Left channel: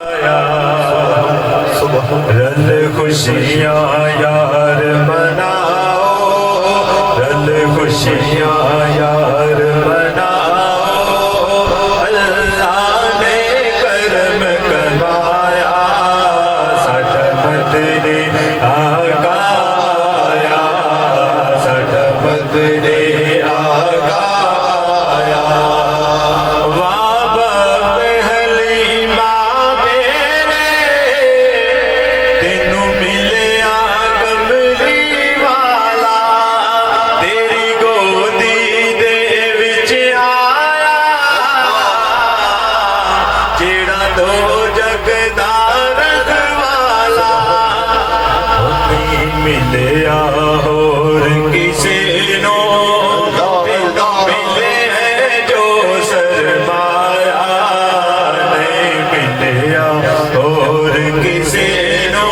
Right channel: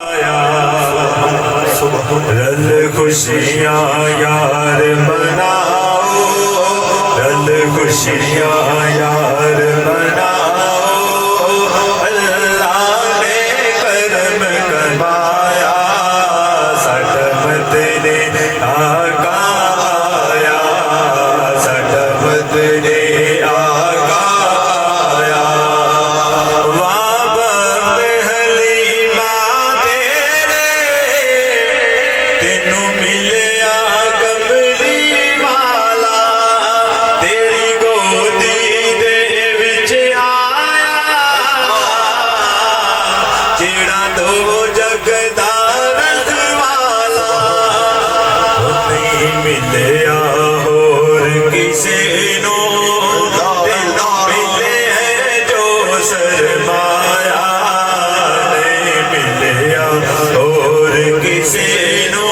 रल खुशियाँ यार मनाओ, रल खुशियाँ यार मनाओ। अल्लाह ने करम करवाया, सकम तेरे आका आया, सकम तेरे आका आया। मिलिया होर किसी नू मिले जो सरमाया, नहीं मिलिया होर किसी नू,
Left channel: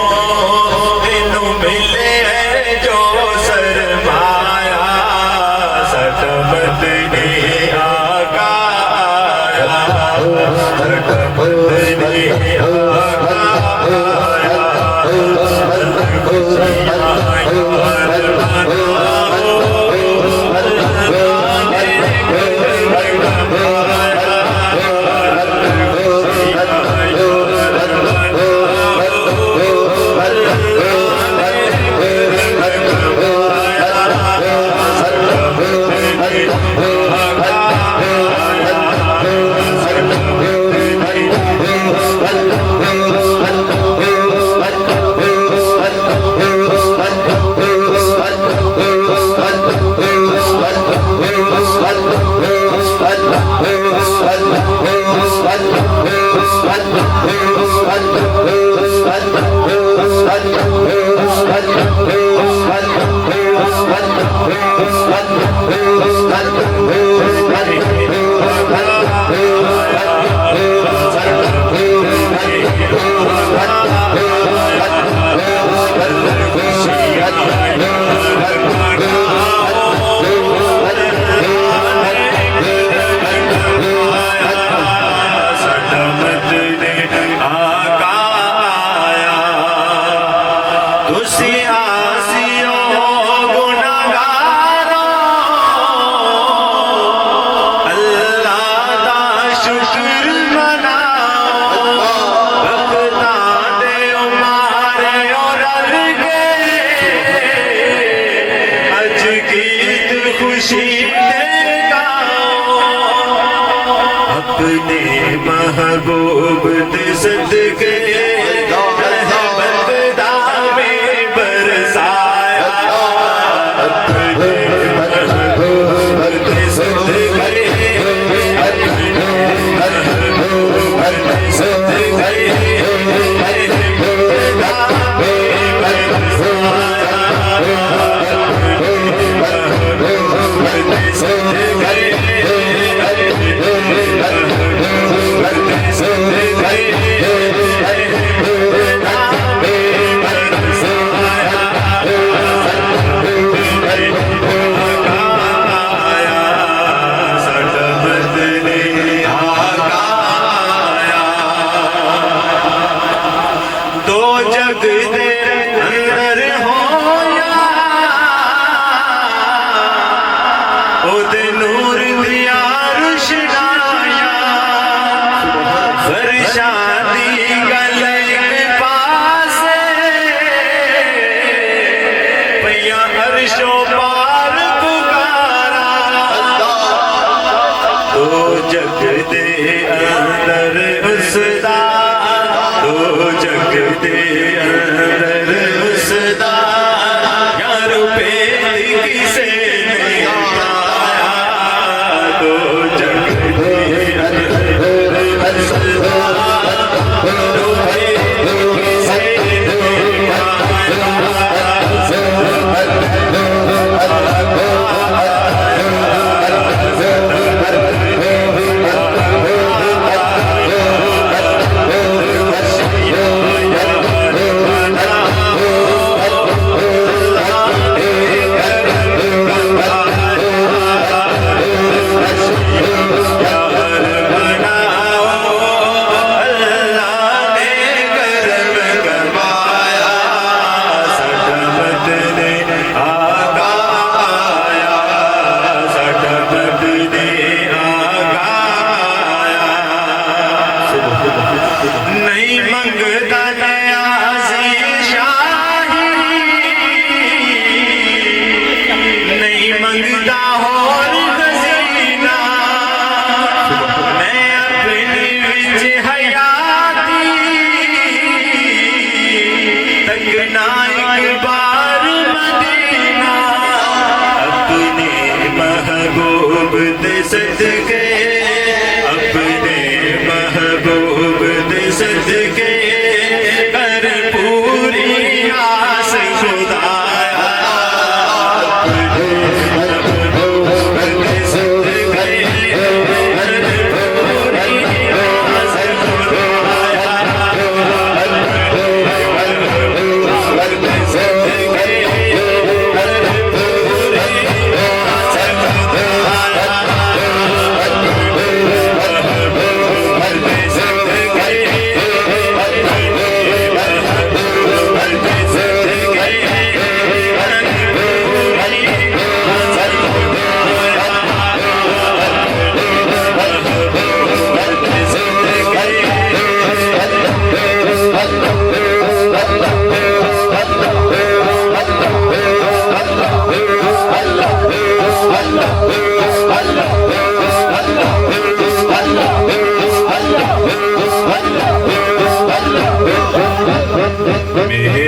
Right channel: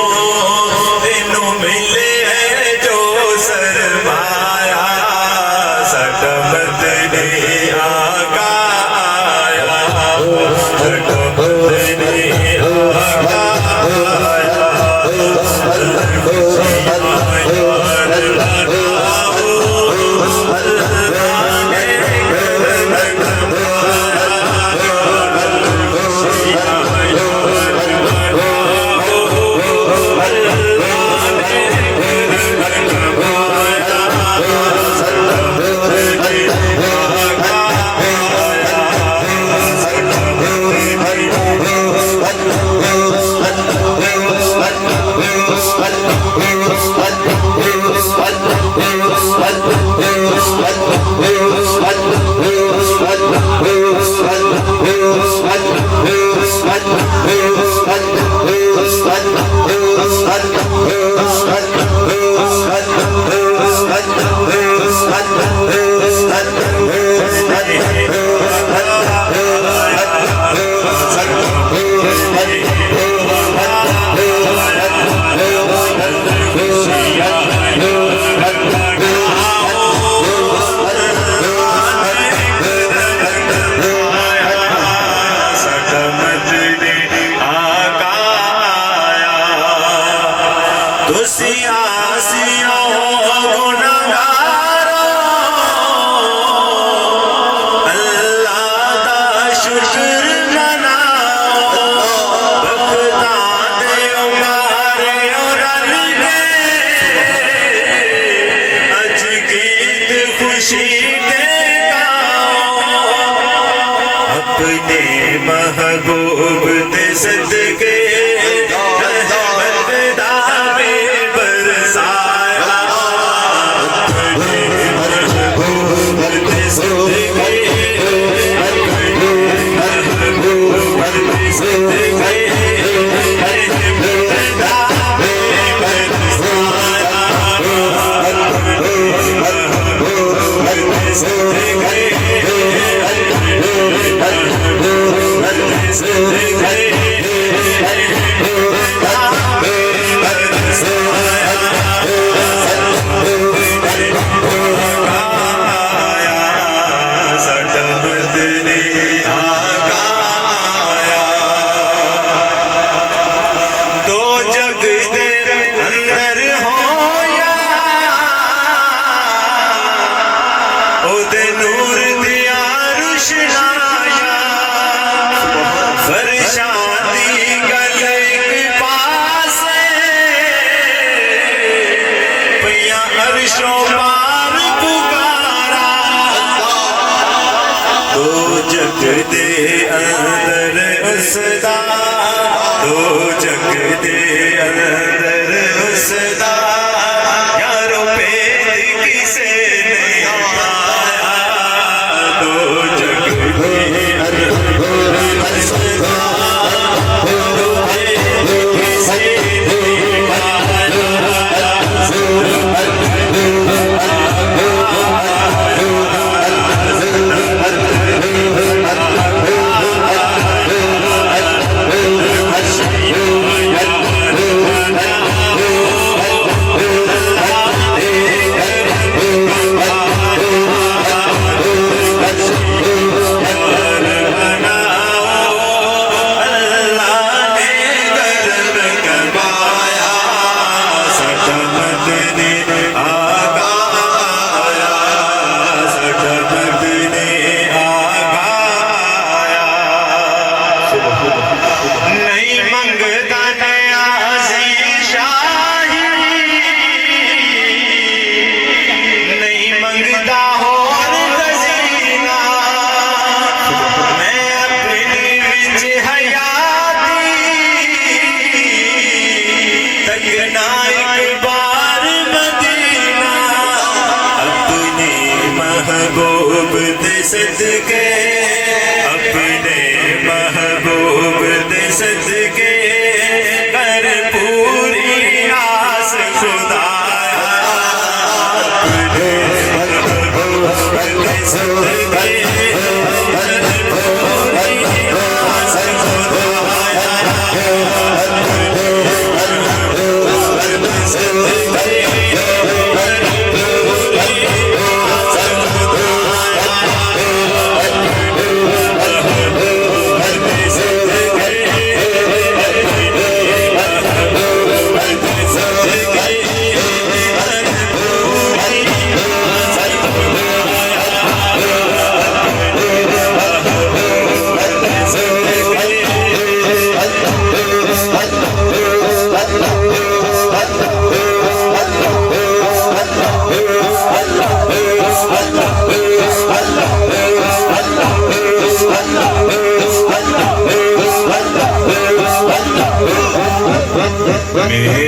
तेनू मिले जो सरमाया। सकम तेरे आका आया, सकम तेरे आका आया। अपने महबूब दे सदके रहमत दावे बरसाया, अपने महबूब दे सदके महबूब दे सदके रहमत दावे बरसाया, अपने महबूब दे सदके नूर दिया रुशनाया, फरशादी गल एक पास भैया अर्शो पार पुकारा। दो जग दे अंदर उसदा, दो जग दे अंदर उसदा, यारो भेद किसे मंगदा नियाज़ी शाही नहीं मंगदा होर खज़ीना मैं अपनी विच हयाती तकना एक बार मदीना अपने महबूब दे सदके अपने महबूब दे सदके कर पूरी आस खुदाया अपने महबूब दे सदके कर पूरी आस खुदाया अपने महबूब दे सदके मेरे